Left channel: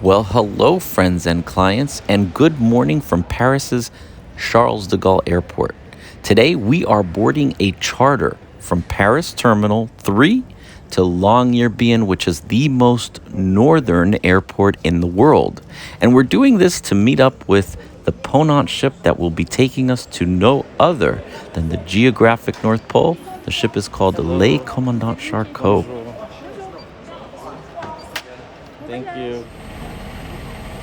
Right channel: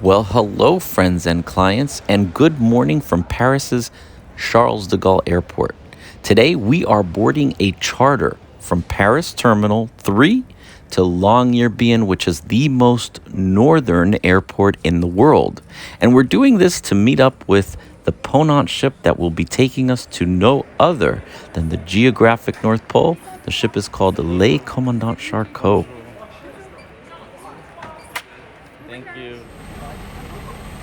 Well, hello, friends and clients, and good morning from Paris's Charles de Gaulle Airport. Today, we are boarding a charter from Paris Terminal 3 to Longyearbyen, which is the most northern airport in the world. And we're doing this to meet up with the Ponant ship that will be taking us to no other than the geographic North Pole. The ship is called Le Commandant Charcot. Thank you.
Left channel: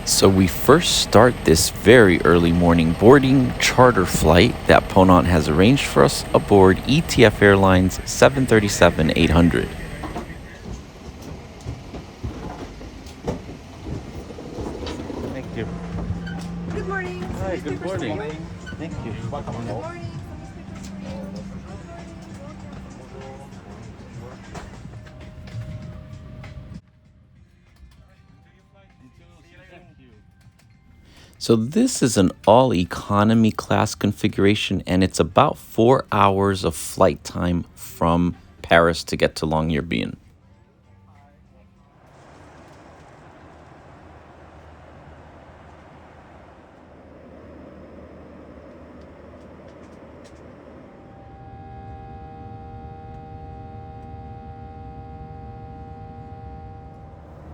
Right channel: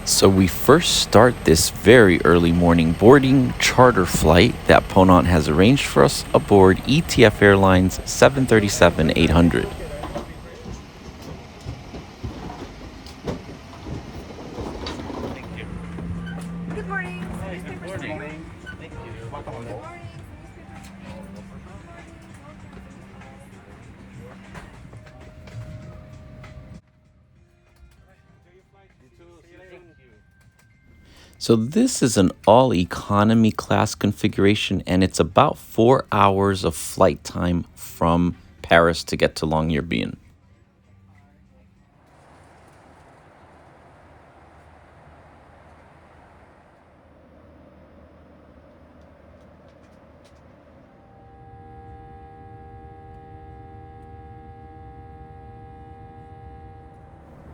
So we first start this very early morning boarding charter flight that Ponant has arranged for us aboard ETF Airlines 737-800. Thank you. Good morning. Hi, good morning. Thank you. Good morning. So this is an all economy class configuration, and it's about 4 hours of flight time from Paris to get to Longyearbyen.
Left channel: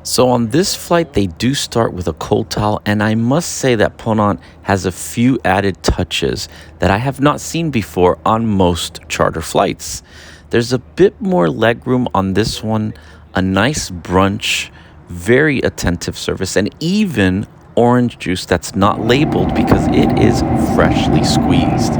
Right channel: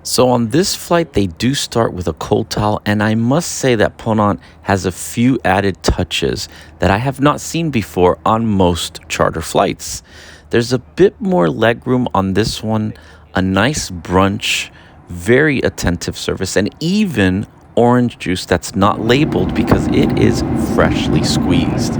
So on this flight, they do start with a cold towel, and I must say that Ponant has a few added touches that I have not seen before on most charter flights. There's a bit more legroom on this one, a nice brunch, very attentive service, and even orange juice that's not labeled because it is freshly squeezed.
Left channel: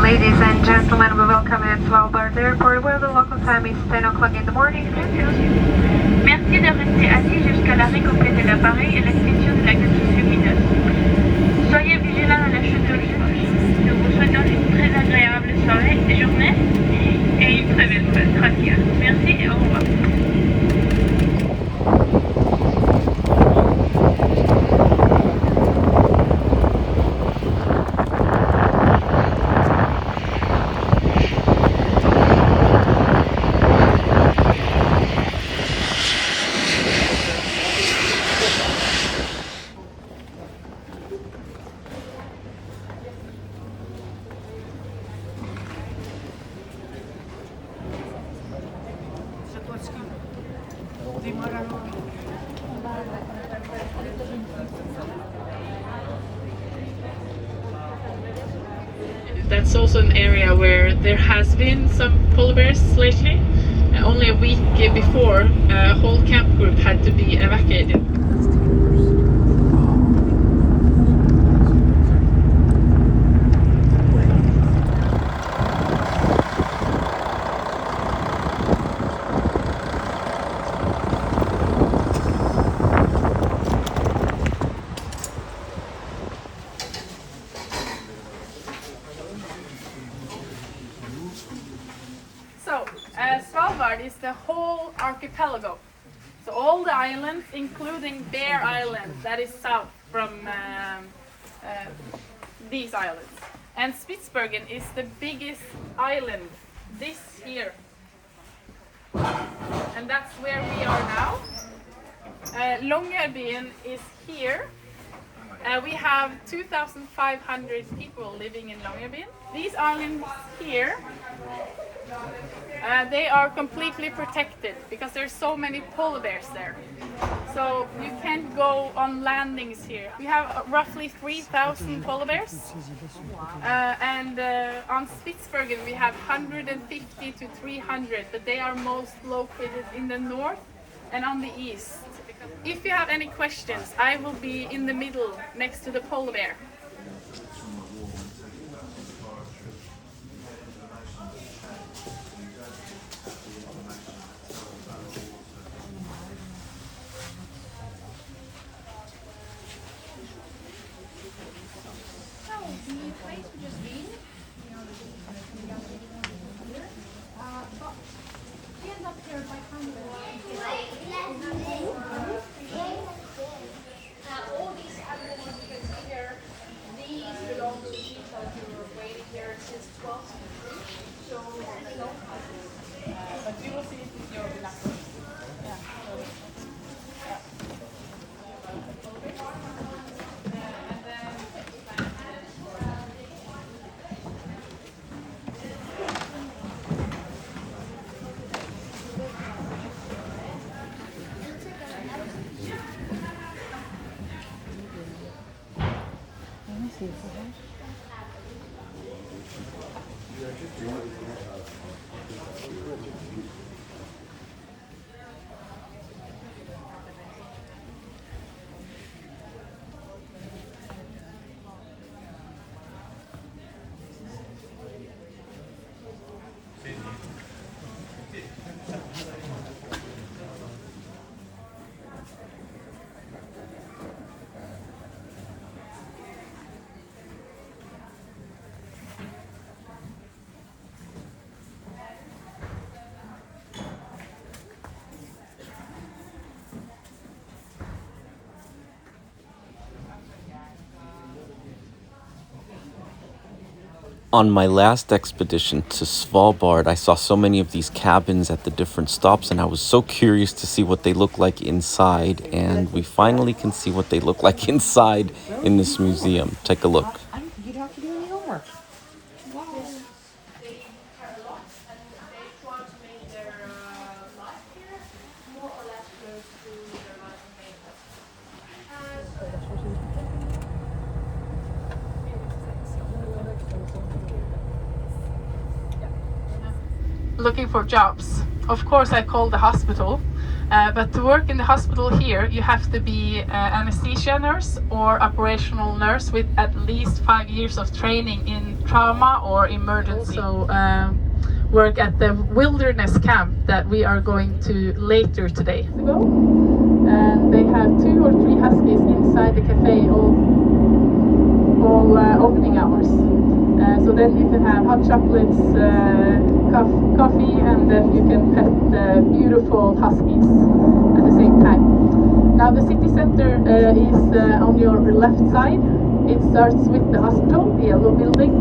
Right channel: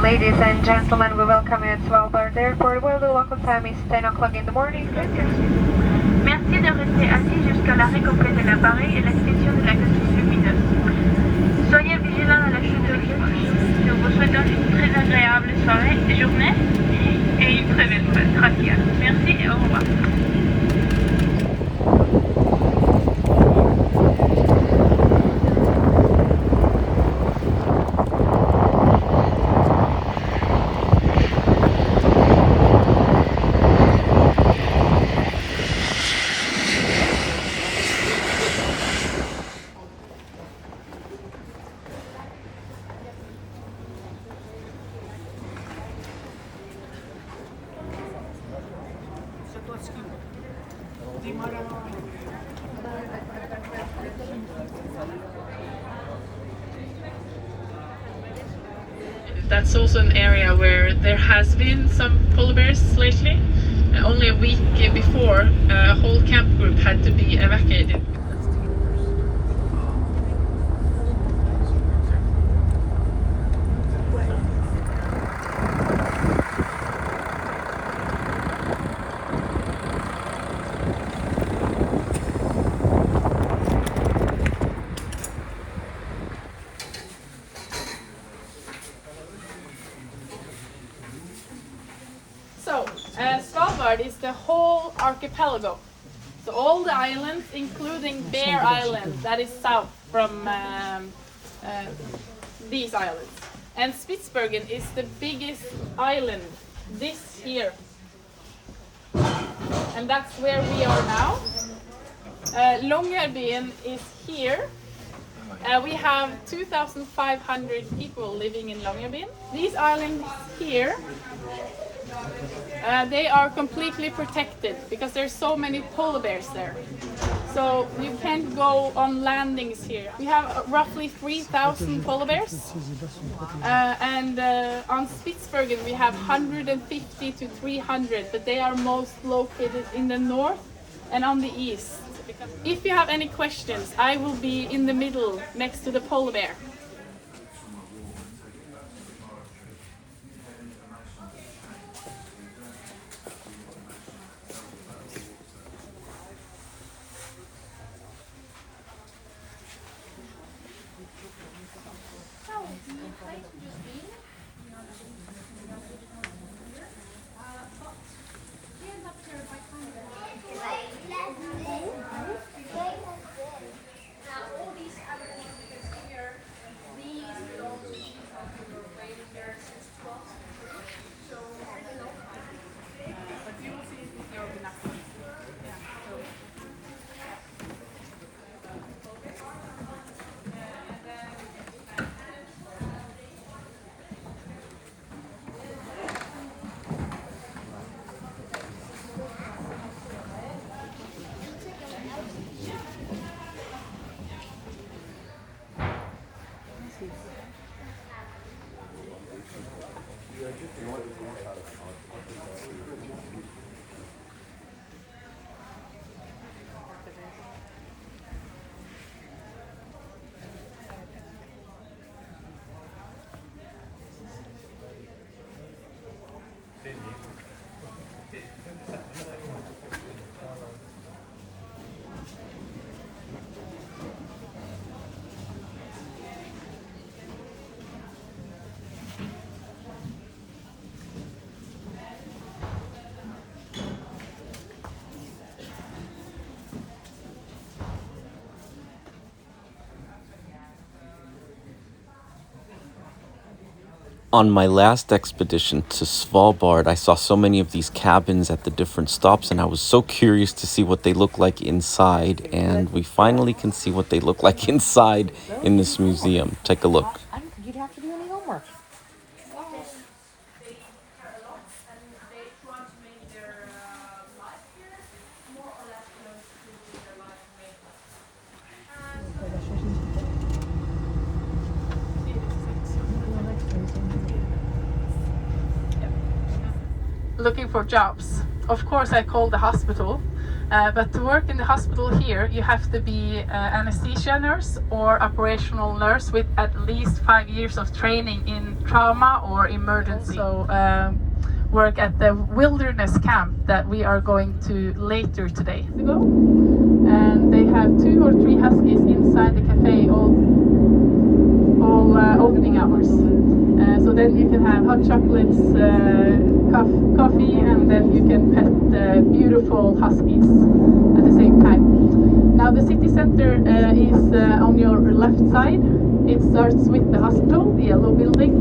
Ladies and gentlemen, we welcome you at Svalbard Airport, where the local time is 10 o'clock in the morning. Merci de rester assis jusqu'à l'arrêt complet de l'appareil et l'extinction de la notice lumineuse. Soyez vigilants à la chute de l'approche. Nous vous souhaitons une très agréable soirée et journée et une très belle fête. Gracias. Merci et au revoir. That's also an area where there has been some polar bears lately. Only a week before, a whole camp group had to be evacuated. So, Svalbard is the whole archipelago. So all the islands, including Bear Island, that is south from these islands. And Spitsbergen is the biggest island, this here. And that's where we are now. Longyearbyen is here. We have 2,500 people living in Longyearbyen. These islands here, they are completely protected because there's so many polar bears there. So you can't go on landings here. We have roughly 3,000 polar bears. And on Spitsbergen we have 150 to 300, but they are most located in the north and on the east. If you have any questions, I will be in the middle next to the polar bear. On my last expedition to Svalbard, I saw so many of these cabins at the different stops, and I was so curious to see what they look like inside, and we finally can see what they look like inside in this museum. Take a look. You don't have to do any homework. Looking for jobs. Of course I called the hospital, but to work in the hospital here you have to be anesthesia nurse or operational nurse with at least 5 years of training in trauma or emergency. Also work at the wilderness camp that we are going to later today. They have 2 or 3 huskies inside the cafe all opening hours. So then you can have hot chocolates, coffee, and then you can pet beautiful huskies at the same time. Now the city center is on your left side. It starts with the hospital, the yellow building.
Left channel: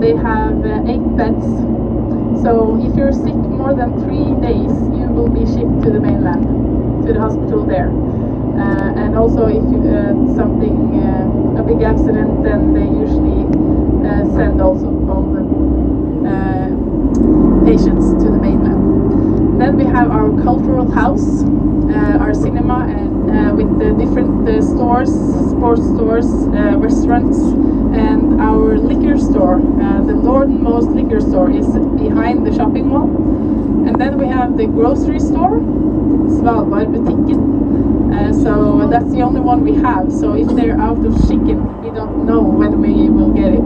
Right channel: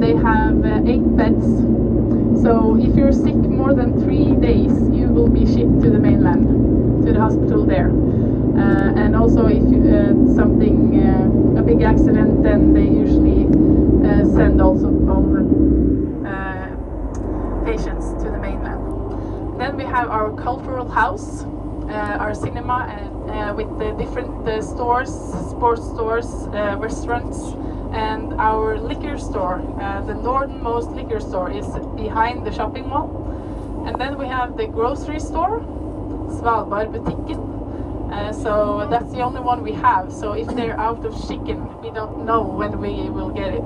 They have 8 beds. So if you're sick more than 3 days, you will be shipped to the mainland, to the hospital there. And also if you a big accident, then they usually send also over patients to the mainland. Then we have our cultural house, our cinema, and with the different stores, sports stores, restaurants, and our liquor store. The northernmost liquor store is behind the shopping mall. And then we have the grocery store, Svalbard Butikken. So that's the only one we have. So if they're out of chicken, we don't know when we will get it.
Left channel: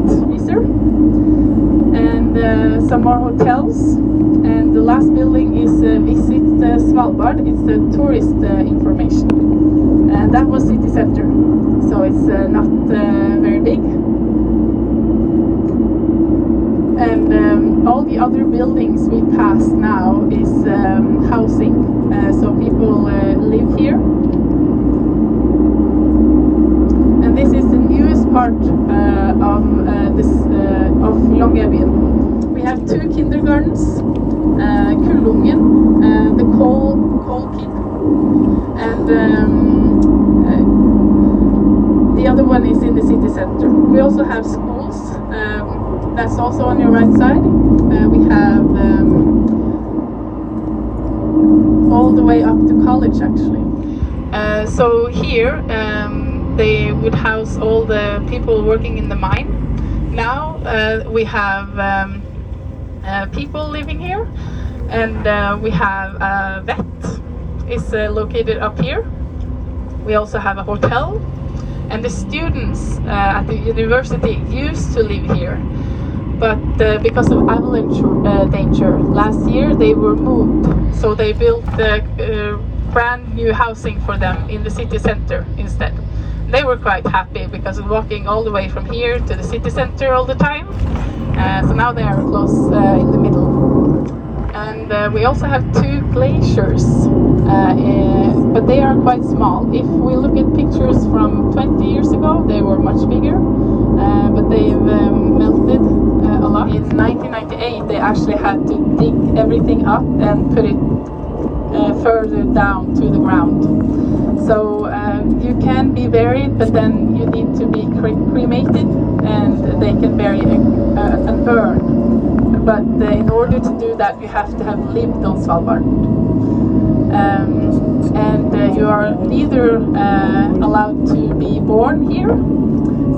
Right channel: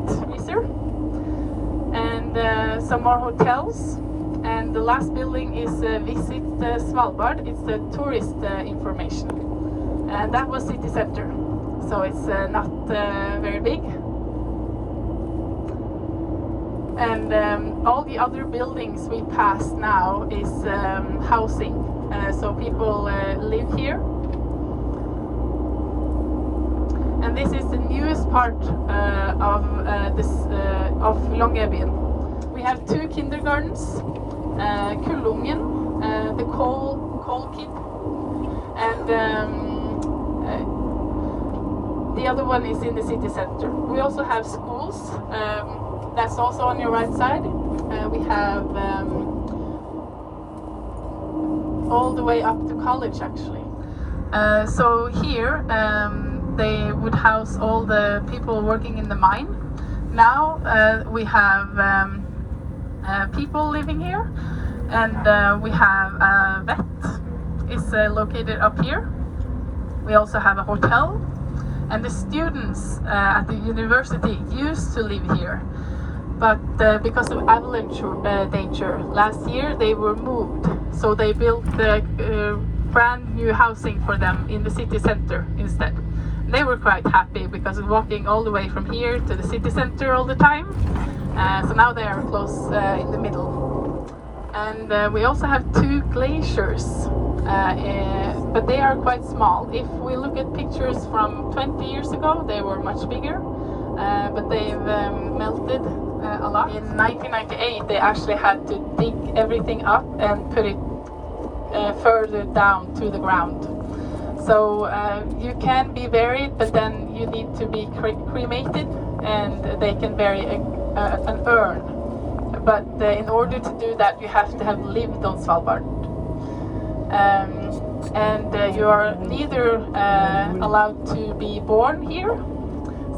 And some more hotels. And the last building is Visit Svalbard. It's the tourist information. And that was city center. So it's not very big. And all the other buildings we pass now is housing. So people live here. And this is the newest part Longyearbyen. We have 2 kindergartens, Kullungen, the coal kid, and the other one is in the city center. We also have schools, that's also on your right side. We have all the way up to college actually. So here they would house all the people working in the mine. Now we have people living here, and we have a vet. It's located up here. We also have a hotel, and the students at the university used to live here, but because of avalanche danger last year they were moved, so they built brand new housing for them in the city center instead. They were quite happy because of walking all the way from here to the city center all the time. So now they are close in the middle. And we also have 2 glaciers, but they are quite small. If we look at pictures from 20 years ago, they were much bigger, but they've melted a lot. In 1998, they actually had to dig everything up and put it further down to the ground. So you can be buried, but then you need to be cremated, and they can bury an urn. But in order to do that, you have to have lived on Svalbard. And you are neither allowed to be born here.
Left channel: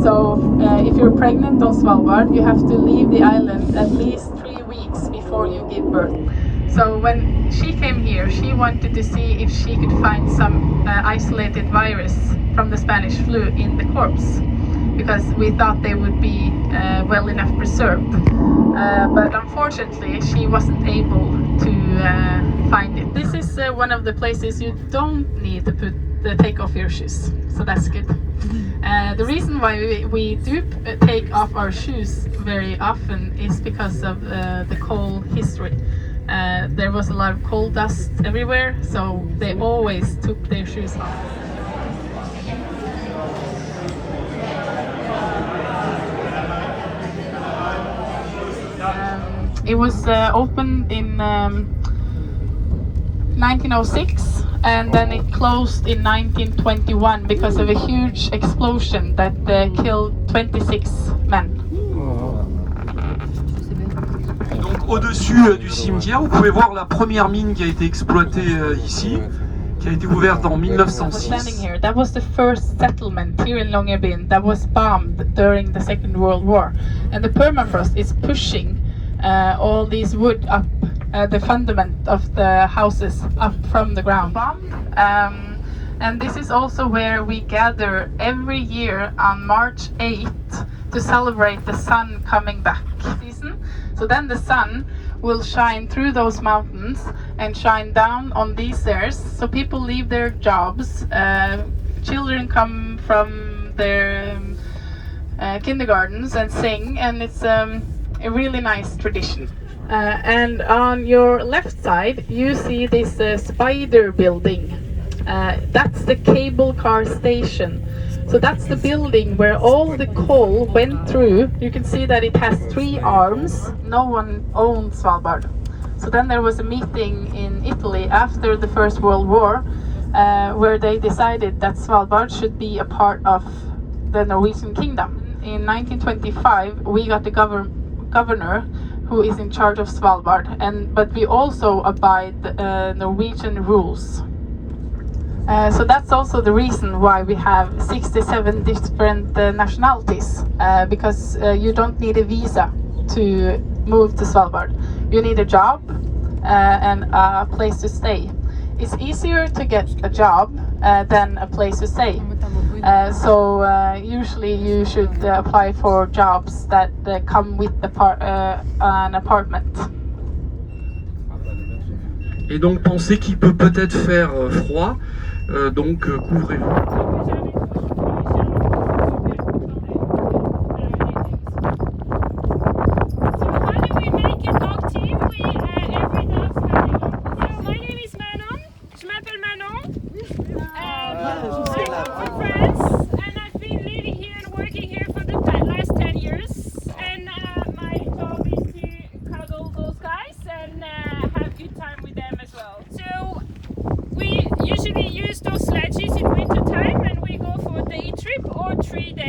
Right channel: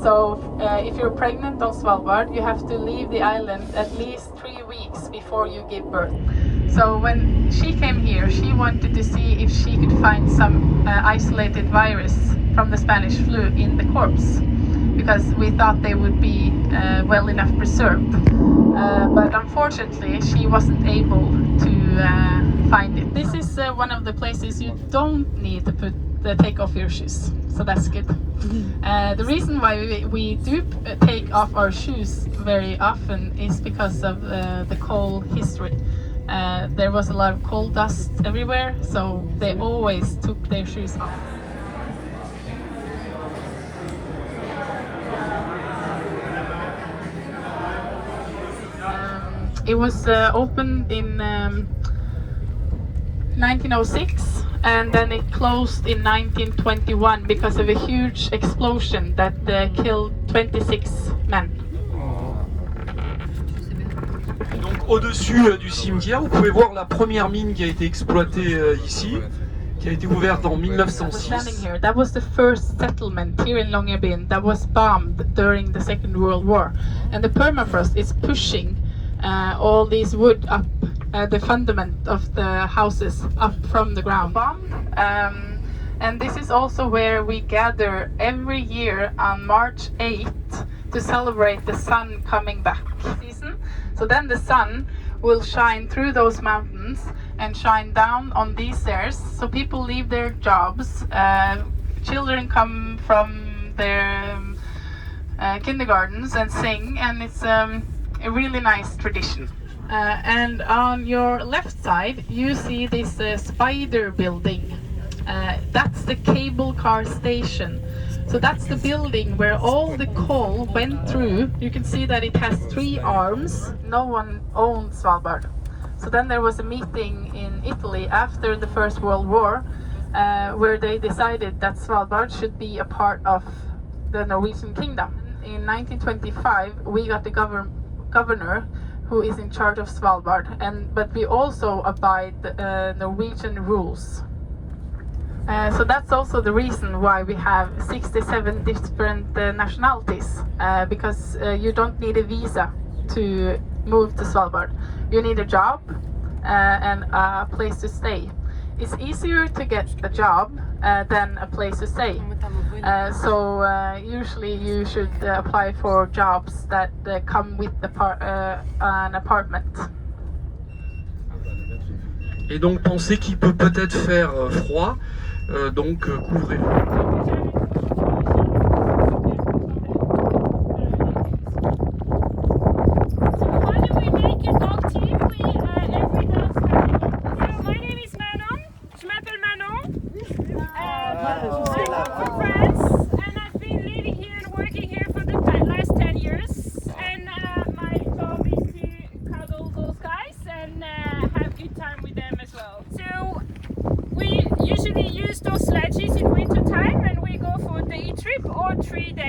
So if you're pregnant on Svalbard, you have to leave the island at least 3 weeks before you give birth. So when she came here, she wanted to see if she could find some isolated virus from the Spanish flu in the corpse, because we thought they would be well enough preserved. But unfortunately, she wasn't able to find it. This is one of the places you don't need to take off your shoes, so that's good. The reason why we do take off our shoes very often is because of the coal history. There was a lot of coal dust everywhere, so they always took their shoes off. It was opened in 1906, and then it closed in 1921 because of a huge explosion that killed 26 men. Donc au-dessus du cimetière, vous pouvez voir la première mine qui a été exploitée ici, qui a été ouverte en 1906. That was the first settlement here in Longyearbyen that was bombed during the Second World War, and the permafrost is pushing all these wood up, the fundament of the houses up from the ground. And this is also where we gather every year on March 8th to celebrate the sun coming back season. So then the sun will shine through those mountains and shine down on these stairs. So people leave their jobs, children come from their kindergartens and sing, and it's a really nice tradition. And on your left side you see this spider building. That's the cable car station. So that's the building where all the coal went through. You can see that it has 3 arms. No one owned Svalbard. So then there was a meeting in Italy after the First World War where they decided that Svalbard should be a part of the Norwegian kingdom. In 1925 we got the governor who is in charge of Svalbard, but we also abide Norwegian rules. So that's also the reason why we have 67 different nationalities, because you don't need a visa to move to Svalbard. You need a job and a place to stay. It's easier to get a job than a place to stay. So usually you should apply for jobs that come with an apartment. Et donc pensez qu'il peut peut-être faire froid, donc couvrez-vous.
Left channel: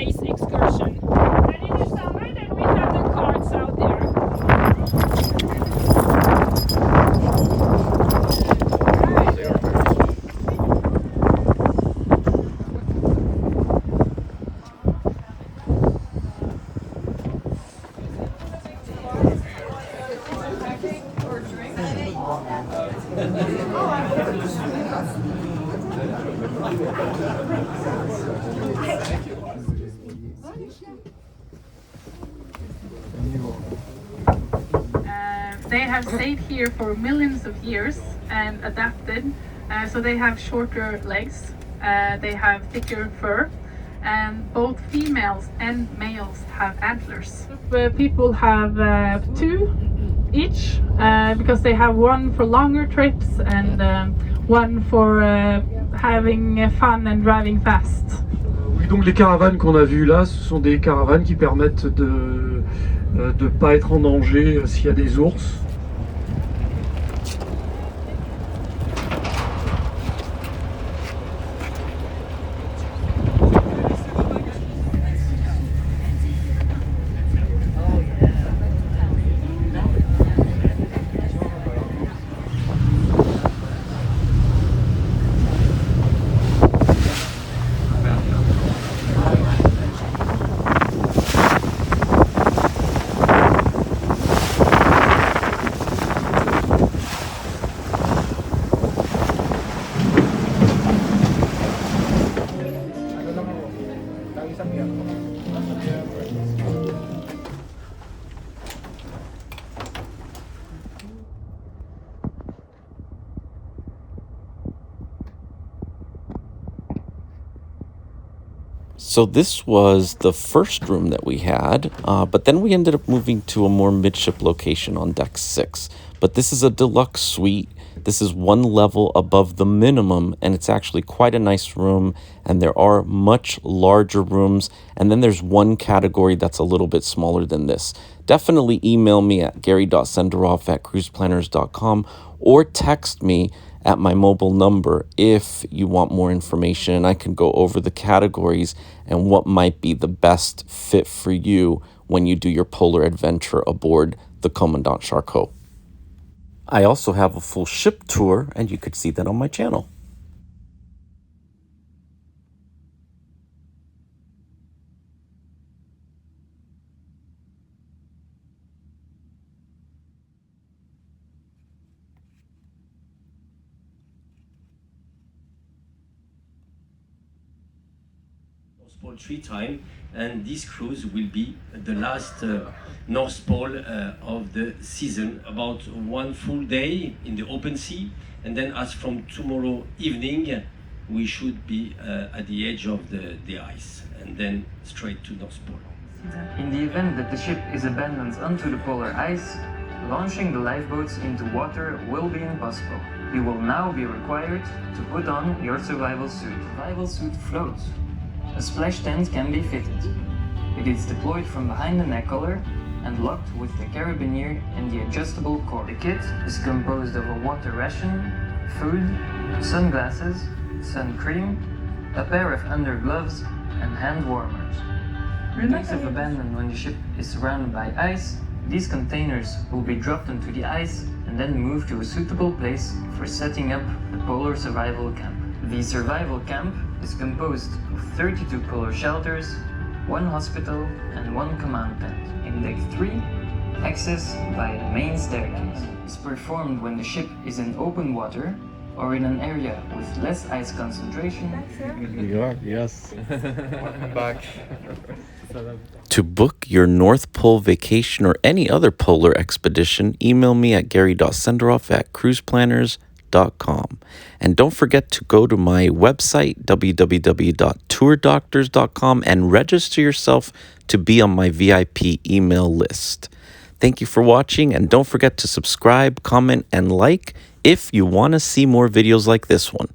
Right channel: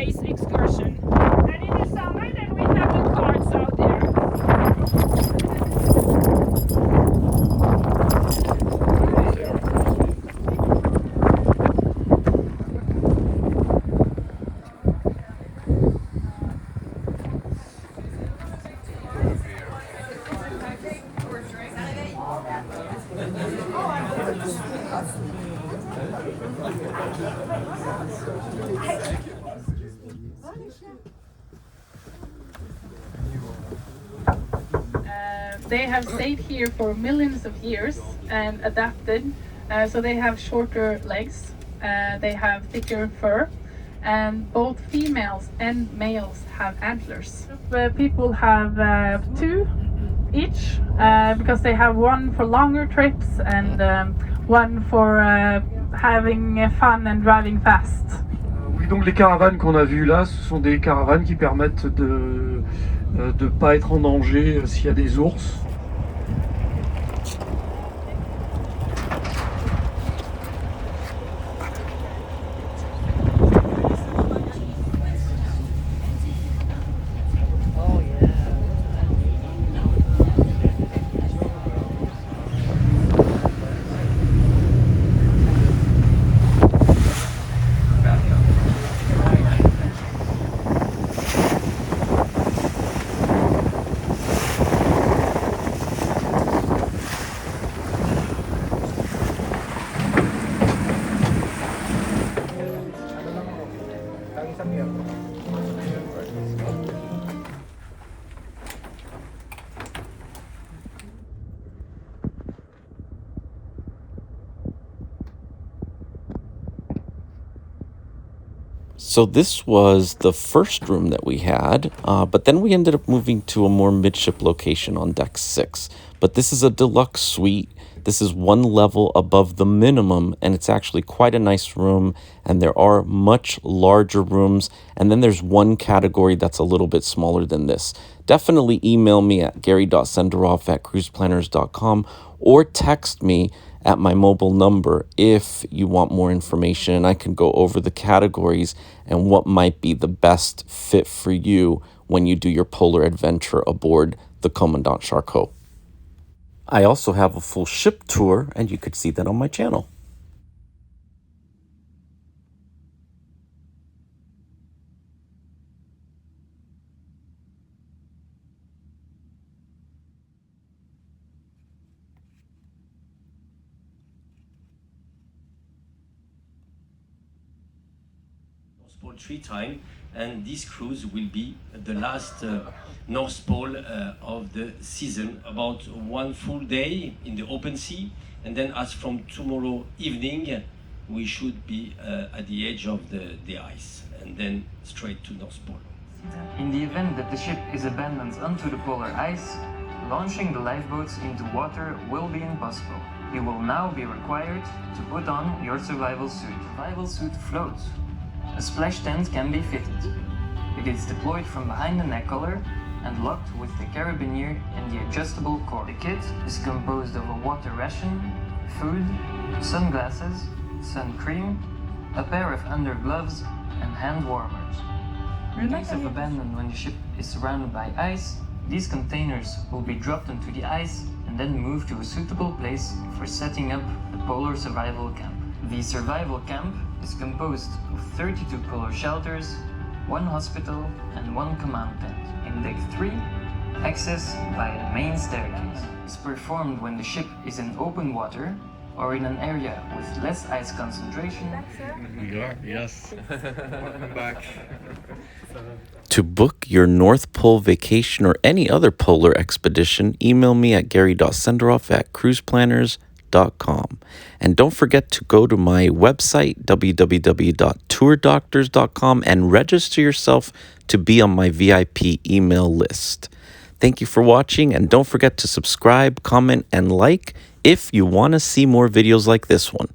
days excursion. And in the summer, then we have the carts out there. They have stayed here for millions of years and adapted, so they have shorter legs, they have thicker fur, and both females and males have antlers. People have two each, because they have one for longer trips and one for having fun and driving fast. Oui, donc les caravanes qu'on a vues là, ce sont des caravanes qui permettent de ne pas être en danger s'il y a des ours. So this was the first room that we had, but then we ended up moving to a more midship location on deck 6. But this is a deluxe suite. This is one level above the minimum, and it's actually quite a nice room, and there are much larger rooms, and then there's one category that's a little bit smaller than this. Definitely email me at gary.senderoff@cruiseplanners.com or text me at my mobile number if you want more information, and I can go over the categories and what might be the best fit for you when you do your polar adventure aboard the Commandant Charcot. I also have a full ship tour, and you could see that on my channel. Pole 3 time, and this cruise will be the last North Pole of the season, about one full day in the open sea, and then as from tomorrow evening we should be at the edge of the ice, and then straight to North Pole. In the event that the ship is abandoned onto the polar ice, launching the lifeboats into water will be impossible. You will now be required to put on your survival suit. Survival suit floats. A splash tent can be fitted. It is deployed from behind the neck collar and locked with the carabiner and the adjustable cord. The kit is composed of a water ration, food, sunglasses, sun cream, a pair of undergloves, and hand warmers. In case of abandon when the ship is surrounded by ice, these containers will be dropped onto the ice and then moved to a suitable place for setting up the polar survival camp. The survival camp is composed of 32 polar shelters, one hospital, and one command tent. In deck 3, access by the main staircase is performed when the ship is in open water or in an area with less ice concentration. Yes. Welcome back. To book your North Pole vacation or any other polar expedition, email me at gary.senderoff@cruiseplanners.com. And don't forget to go to my website, www.tourdoctors.com, and register yourself to be on my VIP email list. Thank you for watching, and don't forget to subscribe, comment, and like if you want to see more videos like this one.